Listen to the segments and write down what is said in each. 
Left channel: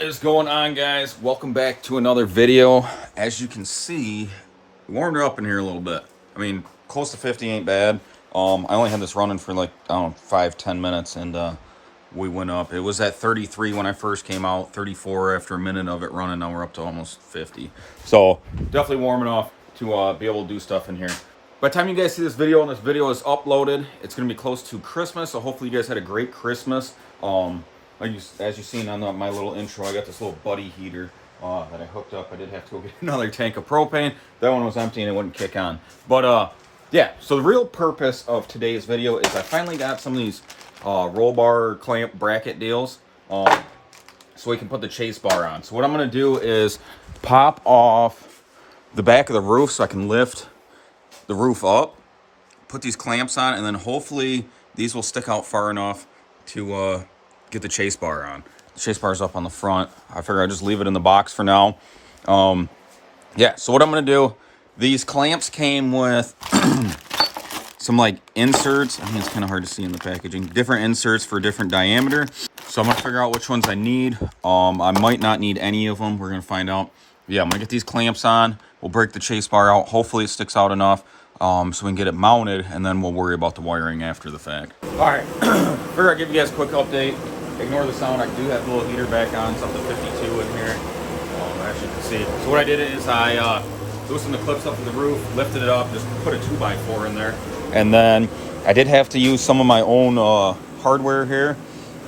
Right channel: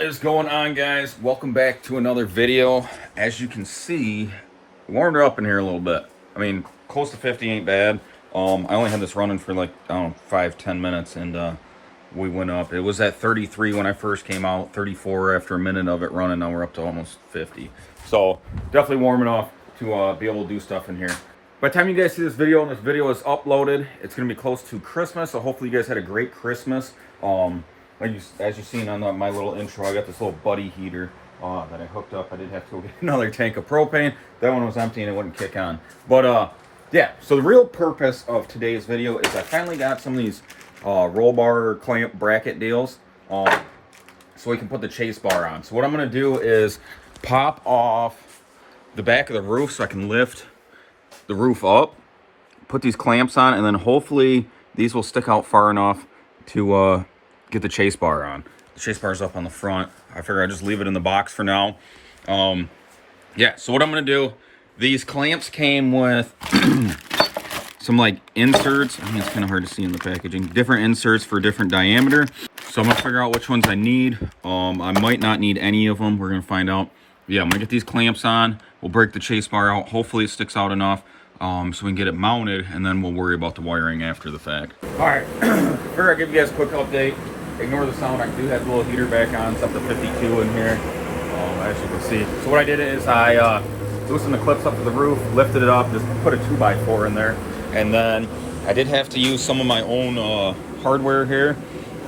What is going on, guys? Welcome back to another video. As you can see, we warmed her up in here a little bit. I mean, close to 50 ain't bad. I only had this running for like, I don't know, 5-10 minutes, and we went up. It was at 33 when I first came out, 34 after a minute of it running. Now we're up to almost 50. So definitely warming up to be able to do stuff in here. By the time you guys see this video and this video is uploaded, it's going to be close to Christmas. So hopefully you guys had a great Christmas. As you've seen on my little intro, I got this little buddy heater that I hooked up. I did have to go get another tank of propane. That one was empty and it wouldn't kick on. But yeah, so the real purpose of today's video is I finally got some of these roll bar clamp bracket deals so we can put the chase bar on. So what I'm going to do is pop off the back of the roof so I can lift the roof up, put these clamps on, and then hopefully these will stick out far enough to get the chase bar on. The chase bar is up on the front. I figure I'll just leave it in the box for now. Yeah, so what I'm gonna do, these clamps came with some like inserts. I think it's kind of hard to see in the packaging. Different inserts for different diameter. So I'm gonna figure out which ones I need. I might not need any of them. We're gonna find out. Yeah, I'm gonna get these clamps on. We'll break the chase bar out. Hopefully it sticks out enough so we can get it mounted, and then we'll worry about the wiring after the fact. All right, figure I'll give you guys a quick update. Ignore the sound. I do have the little heater back on. It's up to 52 in here, as you can see. So what I did is I loosened the clips up to the roof, lifted it up, just put a 2x4 in there, and then I did have to use some of my own hardware here.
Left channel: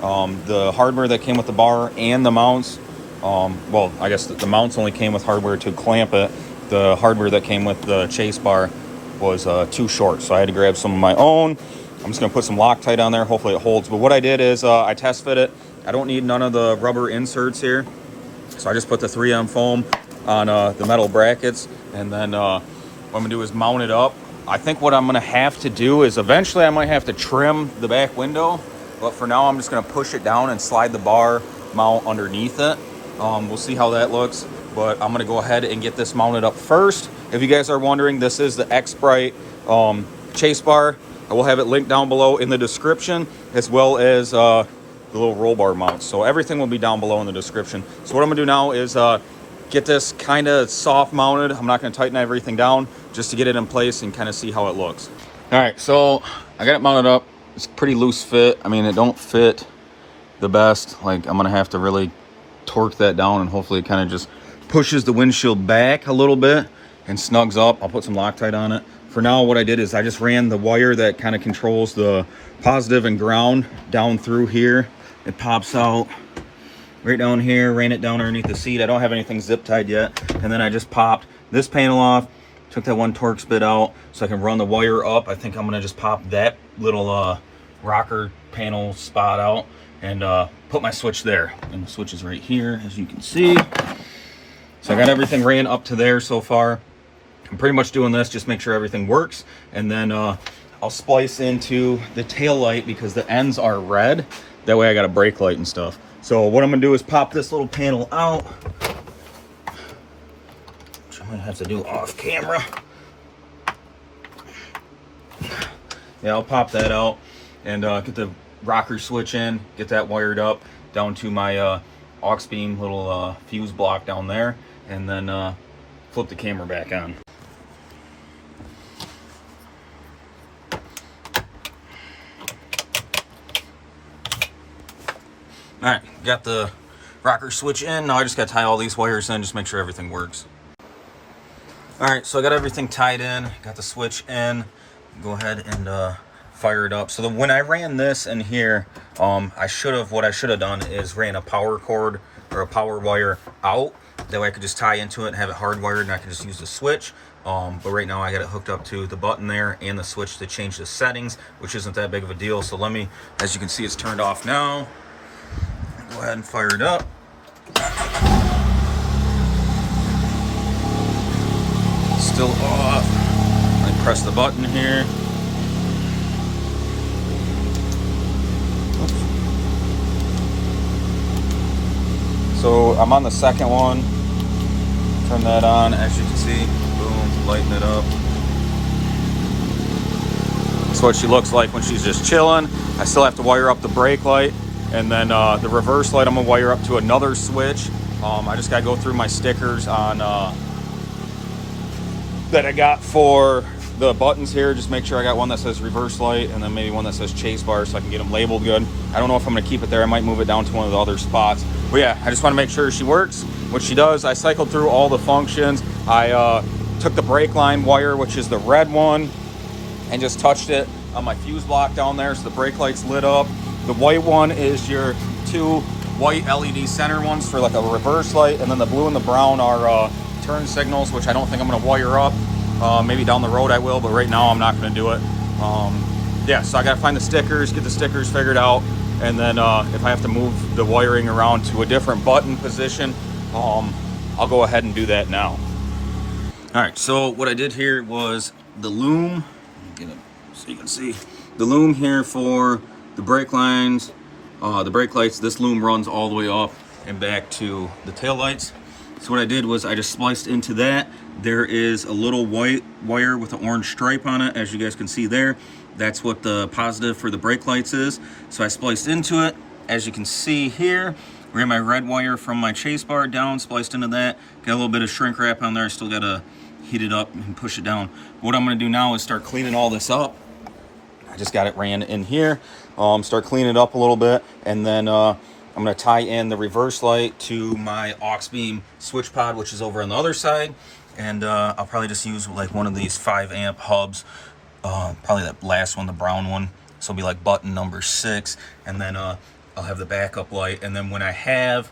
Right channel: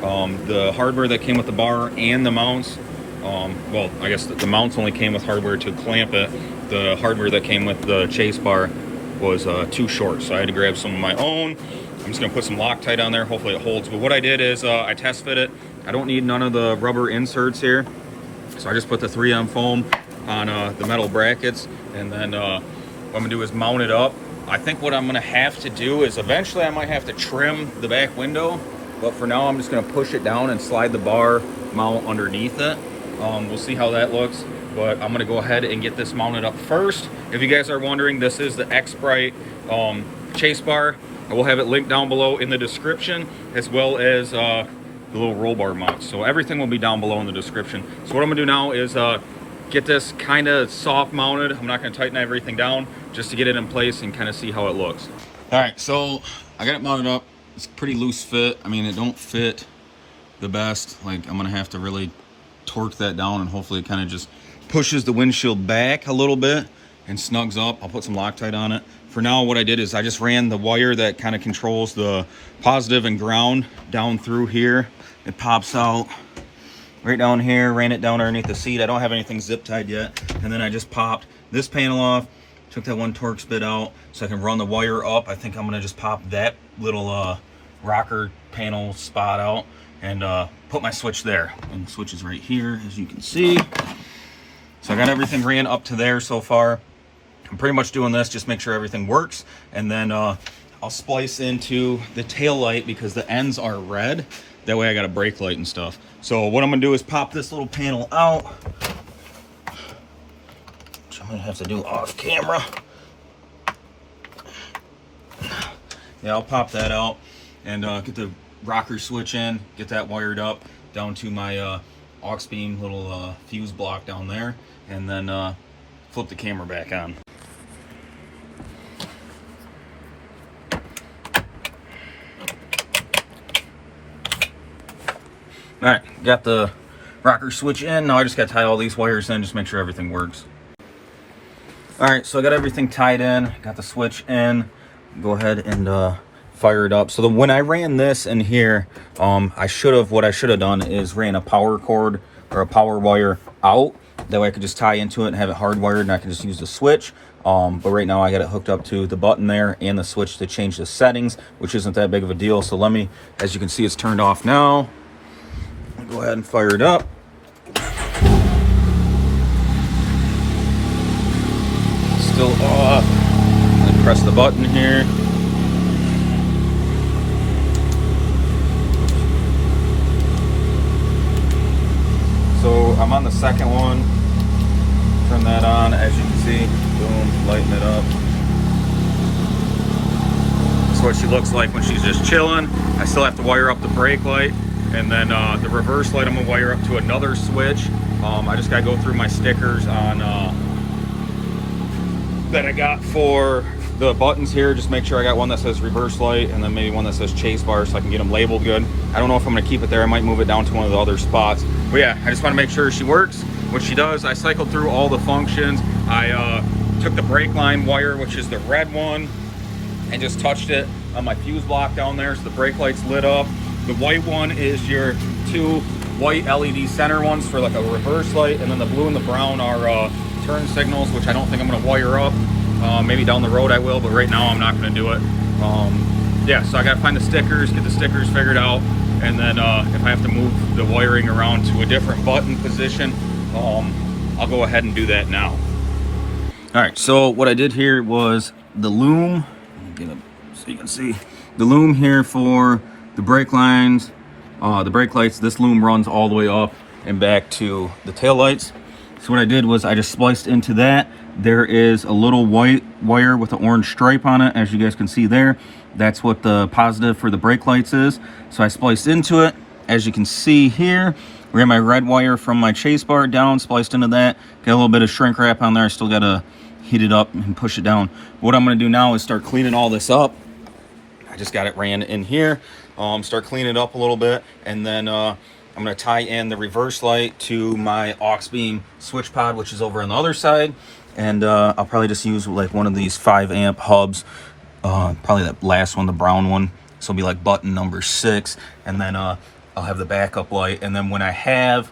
The hardware that came with the bar and the mounts. Well, I guess the mounts only came with hardware to clamp it. The hardware that came with the chase bar was too short, so I had to grab some of my own. I'm just gonna put some Loctite on there. Hopefully it holds. But what I did is I test fit it. I don't need none of the rubber inserts here, so I just put the 3M foam on the metal brackets, and then what I'm gonna do is mount it up. I think what I'm gonna have to do is eventually I might have to trim the back window, but for now I'm just gonna push it down and slide the bar mount underneath it. We'll see how that looks, but I'm gonna go ahead and get this mounted up first. If you guys are wondering, this is the Xprite chase bar. I will have it linked down below in the description, as well as the little roll bar mounts. So everything will be down below in the description. So what I'm gonna do now is get this kind of soft mounted. I'm not gonna tighten everything down, just to get it in place and kind of see how it looks. All right, so I got it mounted up. It's pretty loose fit. I mean, it don't fit the best. Like, I'm gonna have to really torque that down, and hopefully it kind of just pushes the windshield back a little bit and snugs up. I'll put some Loctite on it. For now, what I did is I just ran the wire that kind of controls the positive and ground down through here. It pops out right down here, ran it down underneath the seat. I don't have anything zip tied yet. And then I just popped this panel off, took that one Torx bit out so I can run the wire up. I think I'm gonna just pop that little rocker panel spot out and put my switch there. And the switch is right here, as you can see. So I got everything ran up to there so far. I'm pretty much doing this, just make sure everything works. And then I'll splice into the tail light because the ends are red. That way I got a brake light and stuff. So what I'm gonna do is pop this little panel out, which I'm gonna have to do off camera. Yeah, I'll pop that out and get the rocker switch in, get that wired up down to my aux beam little fuse block down there, and then flip the camera back on. All right, got the rocker switch in. Now I just got to tie all these wires in, just make sure everything works. All right, so I got everything tied in, got the switch in. Go ahead and fire it up. So when I ran this in here, what I should have done is ran a power cord or a power wire out. That way I could just tie into it and have it hardwired, and I can just use the switch. But right now I got it hooked up to the button there and the switch to change the settings, which isn't that big of a deal. So let me, as you can see, it's turned off now. Go ahead and fire it up. Still off. I press the button here. So I'm on the second one. Turn that on, as you can see. Boom, lighten it up. That's what she looks like when she's just chilling. I still have to wire up the brake light. And then the reverse light I'm gonna wire up to another switch. I just gotta go through my stickers on that I got for the buttons here. Just make sure I got one that says reverse light and then maybe one that says chase bar so I can get them labeled good. I don't know if I'm gonna keep it there. I might move it down to one of the other spots. But yeah, I just wanna make sure she works, which she does. I cycled through all the functions. I took the brake line wire, which is the red one, and just touched it on my fuse block down there so the brake lights lit up. The white one is your two white LED center ones for like a reverse light, and then the blue and the brown are turn signals, which I don't think I'm gonna wire up. Maybe down the road I will, but right now I'm not gonna do it. Yeah, so I gotta find the stickers, get the stickers figured out, and then if I have to move the wiring around to a different button position, I'll go ahead and do that now. All right, so what I did here was the loom, get it so you can see, the loom here for the brake lines, the brake lights. This loom runs all the way up and back to the tail lights. So what I did was I just spliced into that. There is a little white wire with an orange stripe on it, as you guys can see there. That's what the positive for the brake lights is. So I spliced into it. As you can see here, we have my red wire from my chase bar down, spliced into that. Got a little bit of shrink wrap on there. I still gotta heat it up and push it down. What I'm gonna do now is start cleaning all this up. I just got it ran in here. Start cleaning it up a little bit, and then I'm gonna tie in the reverse light to my aux beam switch pod, which is over on the other side. And I'll probably just use like one of these 5-amp hubs, probably that last one, the brown one. So it'll be like button number 6, and then I'll have the backup light. And then when I have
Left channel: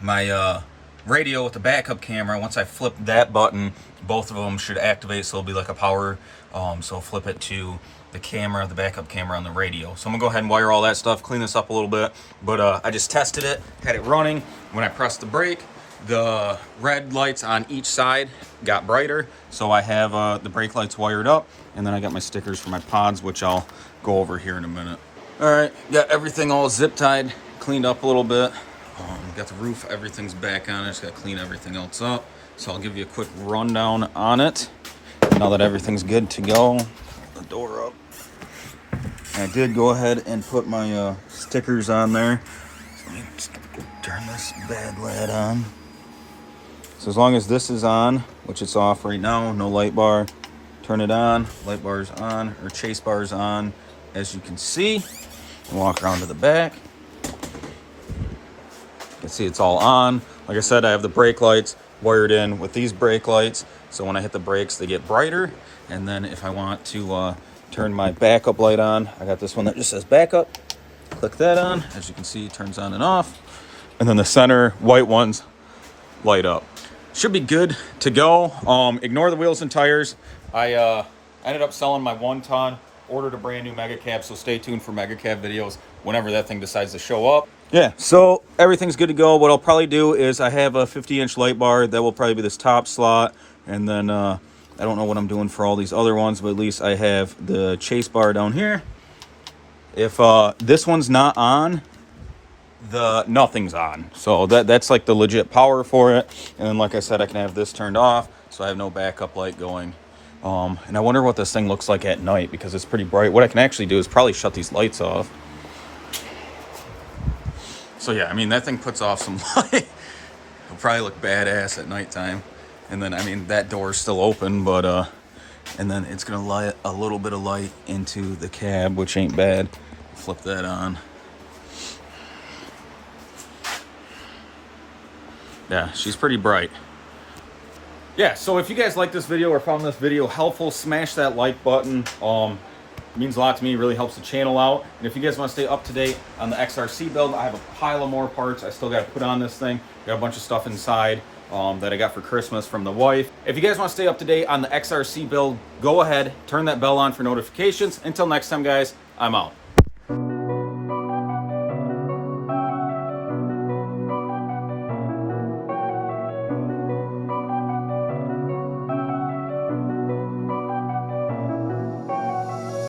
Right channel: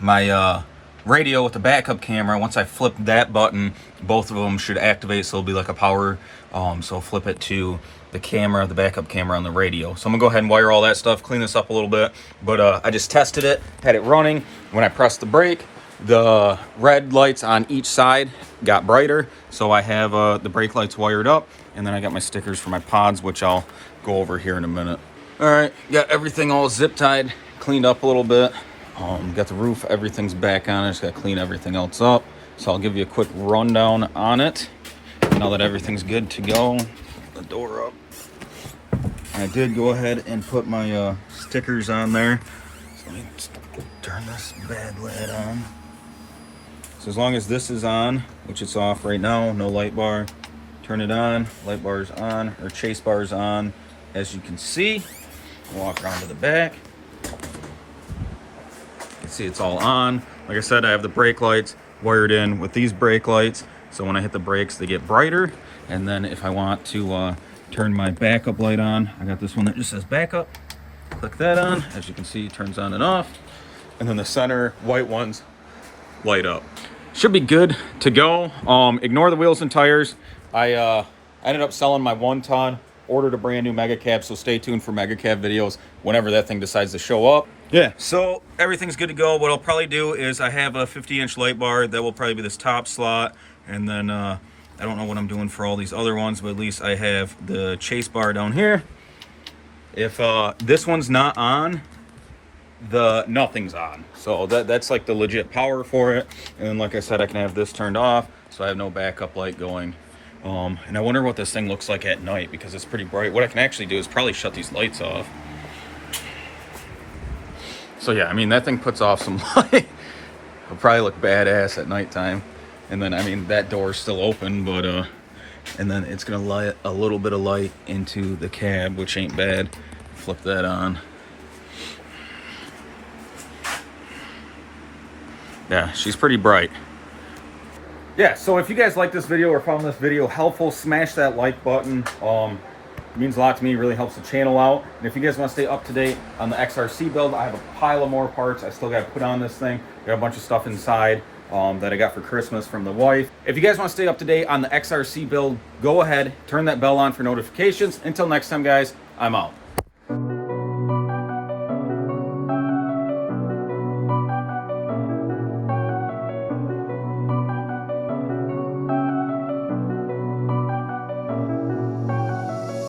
my radio with the backup camera, once I flip that button, both of them should activate, so it'll be like a power. So I'll flip it to the camera, the backup camera on the radio. So I'm gonna go ahead and wire all that stuff, clean this up a little bit. But I just tested it, had it running. When I pressed the brake, the red lights on each side got brighter. So I have the brake lights wired up, and then I got my stickers for my pods, which I'll go over here in a minute. All right, got everything all zip tied, cleaned up a little bit. Got the roof, everything's back on. I just got to clean everything else up. So I'll give you a quick rundown on it now that everything's good to go. The door up. I did go ahead and put my stickers on there. So let me just turn this bad lid on. So as long as this is on, which it's off right now, no light bar, turn it on, light bar is on, or chase bar is on, as you can see. Walk around to the back. You can see it's all on. Like I said, I have the brake lights wired in with these brake lights, so when I hit the brakes they get brighter. And then if I want to turn my backup light on, I got this one that just says backup. Click that on. As you can see, it turns on and off. And then the center white ones light up. Should be good to go. Ignore the wheels and tires. I ended up selling my 1-ton, ordered a brand new mega cab, so stay tuned for mega cab videos whenever that thing decides to show up. Yeah, so everything's good to go. What I'll probably do is I have a 50-inch light bar that will probably be this top slot, and then I don't know what I'm doing for all these other ones, but at least I have the chase bar down here. If this one's not on, nothing's on. So that's like the legit power for it. And then like I said, I can have this turned off, so I have no backup light going. And I wonder what this thing looks like at night, because it's pretty bright. What I can actually do is probably shut these lights off. So yeah, I mean, that thing puts off some light. It'll probably look badass at nighttime. And then, I mean, that door's still open, but and then it's gonna light a little bit of light into the cab, which ain't bad. Flip that on. Yeah, she's pretty bright. Yeah, so if you guys like this video or found this video helpful, smash that like button. It means a lot to me, really helps the channel out. And if you guys want to stay up to date on the XRC build, I have a pile of more parts I still got to put on this thing. Got a bunch of stuff inside that I got for Christmas from the wife. If you guys want to stay up to date on the XRC build, go ahead, turn that bell on for notifications. Until next time, guys, I'm out.